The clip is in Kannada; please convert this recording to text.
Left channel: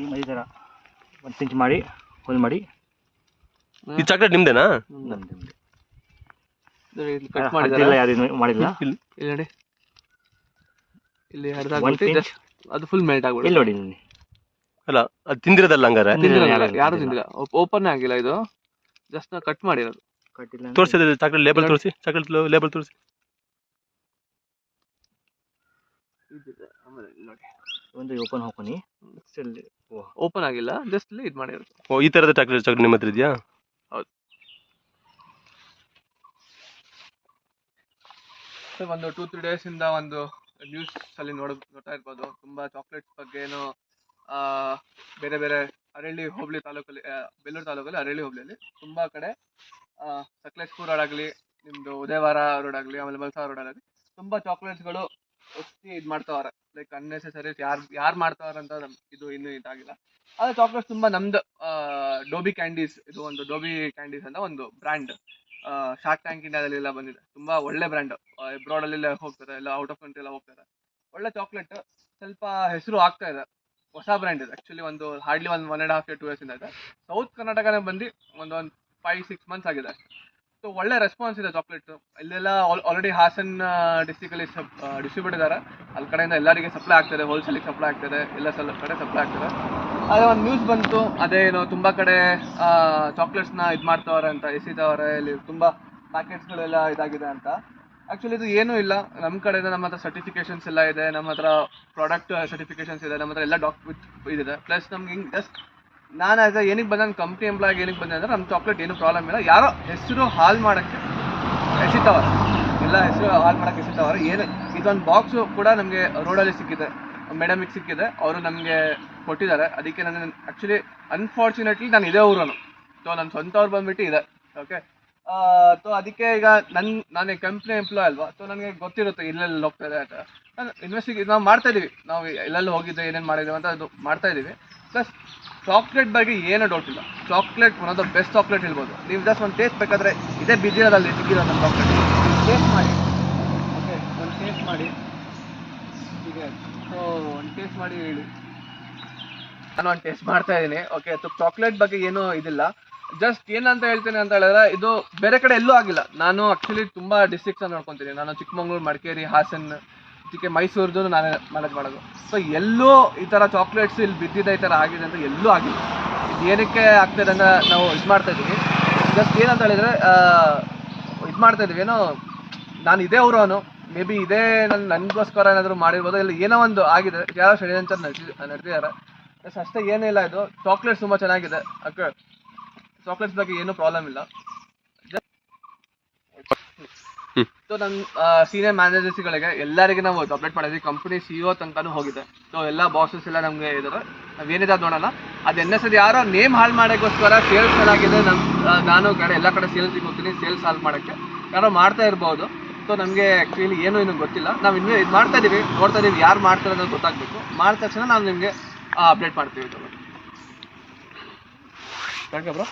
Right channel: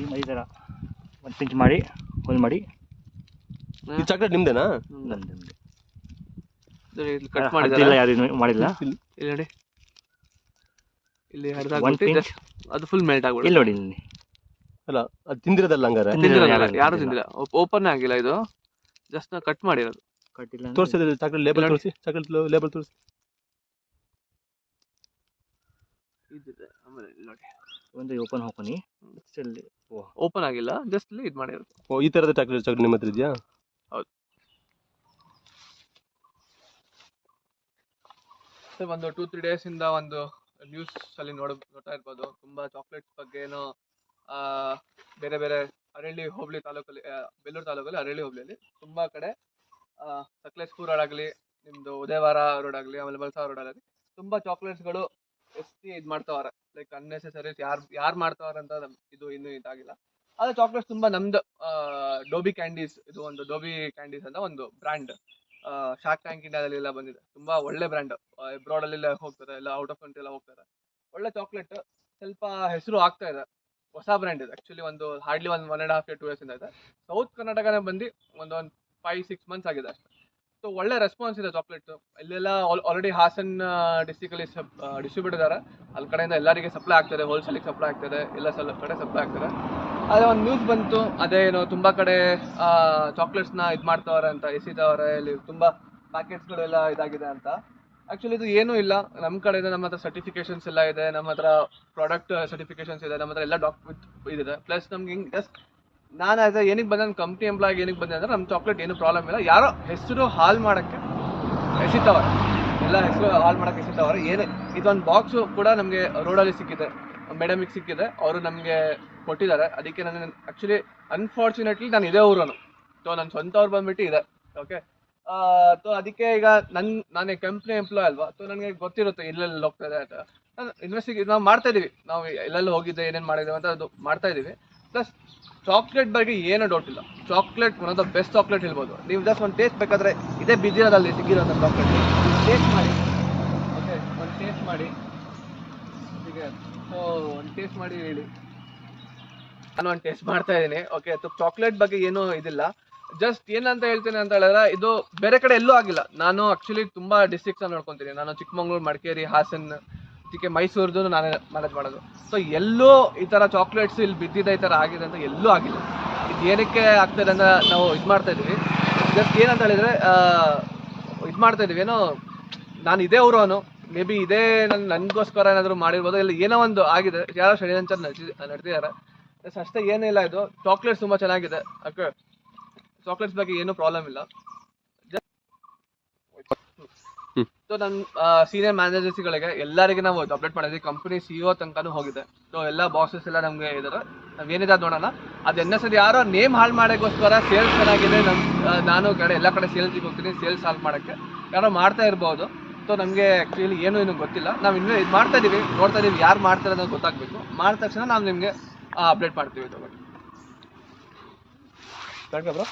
ಈ ಮೈ ಥರ ಒಂದು ಪಿಂಚ್ ಮಾಡಿ ಹೋಲ್ ಮಾಡಿ. ಈ ಚಾಕ್ಲೇಟ್ ನಿಮ್ದೇನಾ? ನಂದು ಕಟ್ ಮಾಡಿದಾರೆ, ಯಾರು ಮಾಡಿಲ್ಲ. ಇಲ್ಲಿ ನೋಡಿ, ಇಲ್ಲಿ ಹರಿದಾಗ್ಬಿಟ್ಟು ಜಸ್ಟ್ ಅದು ಫುಲ್ ಮೆಲ್ಟ್ ಆಗ್ಬಿಟ್ಟು. ಇಲ್ಲಿ ನೋಡಿ, ಇಲ್ಲಿ ಅಲ್ಲ ಅದು ತಿಂದಿರೋದಲ್ಲ ಹಂಗಾರೆ? ತಿಂದಿರೋದಲ್ಲ, ಯಾರು ತಿಂದಿಲ್ಲ, ಓಪನ್ ಆಗಿಲ್ಲ ಇದು, ಜಸ್ಟ್ ನಾವು ಕಟ್ ಮಾಡಿರೋದು. ಕಟ್ಟಿಲ್ಲ. ತೋರಿಸಿದ್ರೆ ಚಾಕ್ಲೇಟ್ ಲೇಬಲ್ ತೋರಿಸಿ, ಚಾಕ್ಲೇಟ್ ಲೇಬಲ್ ತೋರಿಸಿ. ಆಮೇಲೆ ಇಲ್ಲಿ ನೋಡಿ, ಒಂದು ಓಪನ್ ಹಾಕೋನಿ, ಓಪನ್ ಆಗಿಲ್ಲ, ಜಸ್ಟ್ ಇಲ್ಲಿ ಇದು ಮಾಡಿರೋದು. ಓ, ಈ ಥರದ ಚಾಕ್ಲೇಟ್ ನಿಮ್ಮ ಹತ್ರ ಇದೆಯಾ? ಹೌದು. ಒಂದು 2-3 days ಇಂದ ಒಂದು ನ್ಯೂಸ್ ಅಲ್ಲಿ ನೋಡ್ತಾ ಇರ್ಬೋದು, ತುಂಬಾ ಚಾಕ್ಲೇಟ್ಸ್ ಬಗ್ಗೆನೂ ಬೇರೆ ಬೇರೆ ಅರಳಿ ಹೋಬಳಿ ತಾಲೂಕಲ್ಲಿ, ಬೇಲೂರು ತಾಲೂಕಲ್ಲಿ ಅರಳಿ ಹೋಬಳಿಯಲ್ಲಿ ತುಂಬಾ ಕಡೆ ಸಕಲೇಶ್ಪುರ ರೋಡ್ ಆಗಲಿ, ನಿಮ್ದು ಉದಯವಾರ ರೋಡ್ ಆಗಲಿ, ಆಮೇಲೆ ಮಲ್ಸಾ ರೋಡ್ ಆಗಲಿ ತುಂಬಾ ಚಾಕ್ಲೇಟ್ಸ್ಗಳು ಒತ್ತಿ ಇದು ಮಾಡ್ತಾವ್ರೆ. ಲೈಕ್ ಅನ್ನೆಸೆಸರಿ ಯಾರು ಮಾಡ್ತಾವ್ರೆ ಅಂತ ಇದು ಇನ್ನೂ ಇದಾಗಿಲ್ಲ. ಆದರೆ ಚಾಕ್ಲೇಟ್ಸ್ ತುಂಬಾ ನಮ್ದು ಡೋಬಿ ಕ್ಯಾಂಡೀಸ್, ಇದು ಒಂದು ಡೋಬಿ ಕ್ಯಾಂಡೀಸ್ ಅಂತ ಒಂದು ಬ್ರ್ಯಾಂಡ್ ಶಾರ್ಕ್ ಟ್ಯಾಂಕ್ ಇಂಡಿಯಾದಲ್ಲೆಲ್ಲ ಬಂದಿದೆ. ತುಂಬಾ ಒಳ್ಳೆ ಬ್ರ್ಯಾಂಡ್, ಅಬ್ರಾಡ್ ಅಲ್ಲಿ ಹೋಗ್ತಾರೆ, ಎಲ್ಲ ಔಟ್ ಆಫ್ ಕಂಟ್ರಿ ಎಲ್ಲ ಹೋಗ್ತಾರೆ. ಒಳ್ಳೆ ಚಾಕ್ಲೇಟ್, ಸ್ವಲ್ಪ ಹೆಸರು ಆಗ್ತಾ ಇದೆ, ಹೊಸ ಬ್ರ್ಯಾಂಡ್ ಇದೆ. ಆಕ್ಚುಲಿ ಒಂದು ಹಾರ್ಡ್ಲಿ 1.5 year 2 years ಇಂದ ಇದೆ. ಸೌತ್ ಕರ್ನಾಟಕನೇ ಬಂದು ಒಂದು 5-6 months ಆಗಿದೆ. ಸೊ ಒಳ್ಳೆ ರೆಸ್ಪಾನ್ಸ್ ಇದೆ ಚಾಕ್ಲೇಟ್. ಇಲ್ಲೆಲ್ಲ ಆಲ್ರೆಡಿ ಹಾಸನ್ ಡಿಸ್ಟಿಕ್ ಅಲ್ಲಿ ಡಿಸ್ಟ್ರಿಬ್ಯೂಟ್ ಇದ್ದಾರೆ, ಅಲ್ಲಿ ಕಡೆಯಿಂದ ಎಲ್ಲರಿಗೆ ಸಪ್ಲೈ ಆಗ್ತದೆ, ಹೋಲ್ಸೇಲಿಗೆ ಸಪ್ಲೈ ಆಗ್ತದೆ, ಎಲ್ಲ ಕಡೆ ಸಪ್ಲೈ ಆಗ್ತದೆ. ಅದೇ ಒಂದು ನ್ಯೂಸ್ ಬಂತು, ಅದೇನು ತುಂಬಾ ಕಡೆ ಚಾಕ್ಲೇಟ್ಸ್ನ ಇದು ಮಾಡ್ತಾವ್ರೆ ಅಂತ, ಎಸಿತಾವ್ರೆ, ಇಲ್ಲಿ ತುಂಬಾ ಪ್ಯಾಕೆಟ್ಸ್ಗಳೆಲ್ಲ ಇದಾಗಿದೆ ಅಂತ. ಆ್ಯಕ್ಚುಲಿ ಇದು ಏನೂ ಇಲ್ಲ, ನಮ್ಮ ಕಡೆಯಿಂದ ನಮ್ಮ ಹತ್ರ ಸರ್ಟಿಫಿಕೇಷನ್ಸ್ ಎಲ್ಲ ಇದೆ, ನಮ್ಮ ಹತ್ರ ಪ್ರಾಡಕ್ಟ್ ಸರ್ಟಿಫಿಕೇಷನ್ಸ್ ಇದೆ, ನಮ್ಮ ಹತ್ರ ಎಲ್ಲ ಇದಿದೆ. ಪ್ಲಸ್ ನಮ್ಗೆ ಹಿಂಗೆ ಜಸ್ಟ್ ನಾನು ಆಸ್ ಏನಕ್ಕೆ ಬಂದೆ, ನನ್ನ ಕಂಪ್ನಿ ಎಂಪ್ಲಾಯ್ಗೆ ಏನಕ್ಕೆ ಬಂದೆ ಅಂದರೆ, ನಮ್ಮ ಚಾಕ್ಲೇಟ್ ಏನೂ ಪ್ರಾಬ್ಲಮ್ ಇಲ್ಲ. ಯಾರೋ ಹೆಸರು ಹಾಳು ಮಾಡೋಕ್ಕೆ ಎಸಿತಾವ್ರೆ, ಎಲ್ಲ ಹೆಸರು ಹಾಳು ಮಾಡೋಕ್ಕೆ ಎಸಿತಾವ್ರೆ. ಏನು ಇದೊಂದು ಬಾಕ್ಸು ಕೂಡ ನಮಗೆ ರೋಡಲ್ಲಿ ಸಿಕ್ಕಿದೆ, ಮೇಡಮಿಗೆ ಸಿಕ್ಕಿದೆ, ಅವರು ನಮಗೆ ಕೊಟ್ಟಿದ್ದಾರೆ. ಅದಕ್ಕೆ ನಾನು ಆ್ಯಕ್ಚುಲಿ ಅನ್ಫಾರ್ಚುನೇಟ್ಲಿ ನಾನು ಇದೇ ಊರನು, ಸೊ ನನ್ನ ಸ್ವಂತ ಅವ್ರು ಬಂದುಬಿಟ್ಟು ಇದೆ. ಓಕೆ, ಸೊ ಅದಕ್ಕೆ ಈಗ ನಾನು ಕಂಪ್ನಿ ಎಂಪ್ಲಾಯ್ ಅಲ್ವಾ, ಸೊ ನನಗೆ ಗೊತ್ತಿರುತ್ತೆ ಎಲ್ಲೆಲ್ಲಿ ಹೋಗ್ತಾಯಿದೆ ಅಂತ. ನಾನು ನಾವು ಮಾಡ್ತಾಯಿದ್ದೀವಿ, ನಾವು ಎಲ್ಲೆಲ್ಲಿ ಹೋಗಿದ್ದೆ, ಏನೇನು ಮಾಡಿದ್ದೀವಿ ಅಂತ ಅದು ಮಾಡ್ತಾಯಿದ್ದೀವಿ. ಪ್ಲಸ್ ಚಾಕ್ಲೇಟ್ ಬಗ್ಗೆ ಏನೂ ಡೌಟ್ ಇಲ್ಲ, chocolate one of the best chocolate ಹೇಳ್ಬೋದು. ನೀವು ಜಸ್ಟ್ ಒಂದು ಟೇಸ್ಟ್ ಬೇಕಾದರೆ ಇದೇ ಬಿದ್ದಿರೋದಲ್ಲಿ ಸಿಕ್ಕಿರೋ ನನ್ನ ಚಾಕ್ಲೇಟ್ ಟೇಸ್ಟ್ ಮಾಡಿ. ಓಕೆ, ಒಂದು ಟೇಸ್ಟ್ ಮಾಡಿ, ಹೀಗೆ ಸೊ ಒಂದು ಟೇಸ್ಟ್ ಮಾಡಿ ಹೇಳಿ. ನಾನು ಒಂದು ಟೇಸ್ಟ್ ಮಾಡ್ತಾ ಇದ್ದೀನಿ. ಓಕೆ, ಸೊ ಚಾಕ್ಲೇಟ್ ಬಗ್ಗೆ ಏನೂ ಇದಿಲ್ಲ. ಜಸ್ಟ್ ಏನಂತ ಹೇಳ್ತೇನೆ ಅಂತ ಹೇಳಿದ್ರೆ, ಇದು ಬೇರೆ ಕಡೆ ಎಲ್ಲೂ ಆಗಿಲ್ಲ. ನಾನು ಆ್ಯಕ್ಚುಲಿ ತುಂಬ ಡಿಸ್ಟ್ರಿಕ್ಟ್ಸನ್ನು ನೋಡ್ಕೊತೀನಿ. ನಾನು ಚಿಕ್ಕಮಂಗ್ಳೂರು, ಮಡಿಕೇರಿ, ಹಾಸನ್, ಇದಕ್ಕೆ ಮೈಸೂರ್ದು ನಾನೇ ಮ್ಯಾನೇಜ್ ಮಾಡೋದು. ಸೊ ಎಲ್ಲೂ ಈ ಥರ ಚಾಕ್ಲೇಟ್ಸ್ ಇಲ್ಲಿ ಬಿದ್ದಿದೆ, ಈ ಥರ ಆಗಿದೆ ಅಂತ ಎಲ್ಲೂ ಆಗಿಲ್ಲ. ಇದು ಏನಕ್ಕೆ ಆಗ್ತದೆ ಅಂದರೆ, ನಾವು ಇದು ಮಾಡ್ತಾಯಿದ್ದೀವಿ, ಜಸ್ಟ್ ಏನಂತ ಹೇಳಿದರೆ ಇದು ಮಾಡ್ತಾಯಿದ್ದೀವಿ. ಏನೋ ನಾನು ಇದೇ ಊರವನು, ಮೇ ಬಿ ಇದೇ ನನಗೋಸ್ಕರ ಏನಾದರೂ ಮಾಡಿರ್ಬೋದು, ಇಲ್ಲ ಏನೋ ಒಂದು ಆಗಿದೆ, ಯಾರೋ ಷಡ್ಯಂತ್ರ ನಡೆದಿದ್ದಾರೆ. ಅಷ್ಟೇ, ಏನಿಲ್ಲ. ಇದು ಚಾಕ್ಲೇಟ್ಸ್ ತುಂಬ ಚೆನ್ನಾಗಿದೆ. ಓಕೆ, ಚಾಕ್ಲೇಟ್ಸ್ ಬಗ್ಗೆ ಏನೂ ಪ್ರಾಬ್ಲಮ್ ಇಲ್ಲ. ಸೊ ನನ್ನ ಸೀನಿಯರ್ ಮ್ಯಾನೇಜರ್ಸ್ಗಳಿಗೆ ಎಲ್ಲರಿಗೆ ನಾವು ಅಪ್ಡೇಟ್ ಮಾಡಿದ್ವಿ, ಕಂಪ್ನಿ CEO ತನಕನೂ ಹೋಗಿದೆ. ಸೊ ಎಲ್ಲ ಬಾಸಸ್ ಎಲ್ಲ ನಮಗೆ ಇದ್ದಾರೆ, ನಾವೇನಿದೆ ಅದು ನೋಡೋಣ. ಅದು ಸರಿ ಯಾರೋ ನೇಮ್ ಹಾಳು ಮಾಡೋಕ್ಕೋಸ್ಕರ ಸೇಲ್ಸ್ ಚೆನ್ನಾಗಿದೆ, ನಾನು ಕಡೆ ಎಲ್ಲ ಕಡೆ ಸೇಲ್ಸಿಗೆ ಹೋಗ್ತೀನಿ, ಸೇಲ್ಸ್ ಹಾಳು ಮಾಡೋಕ್ಕೆ ಯಾರೋ ಮಾಡ್ತಾ ಇರ್ಬೋದು. ಸೊ ನಮಗೆ ಆ್ಯಕ್ಚುಲಿ ಏನೂ ಇನ್ನೂ ಗೊತ್ತಿಲ್ಲ. ನಾವು ಇನ್ನೂ ಇದು ಮಾಡ್ತಾ ಇದ್ದೀವಿ, ನೋಡ್ತಾ ಇದ್ದೀವಿ, ಯಾರು ಮಾಡ್ತಾರೆ ಅನ್ನೋದು ಗೊತ್ತಾಗಬೇಕು. ಮಾಡಿದ ತಕ್ಷಣ ನಾನು ನಿಮಗೆ ಅಪ್ಡೇಟ್ ಮಾಡ್ತೀವಿ. Thank you bro.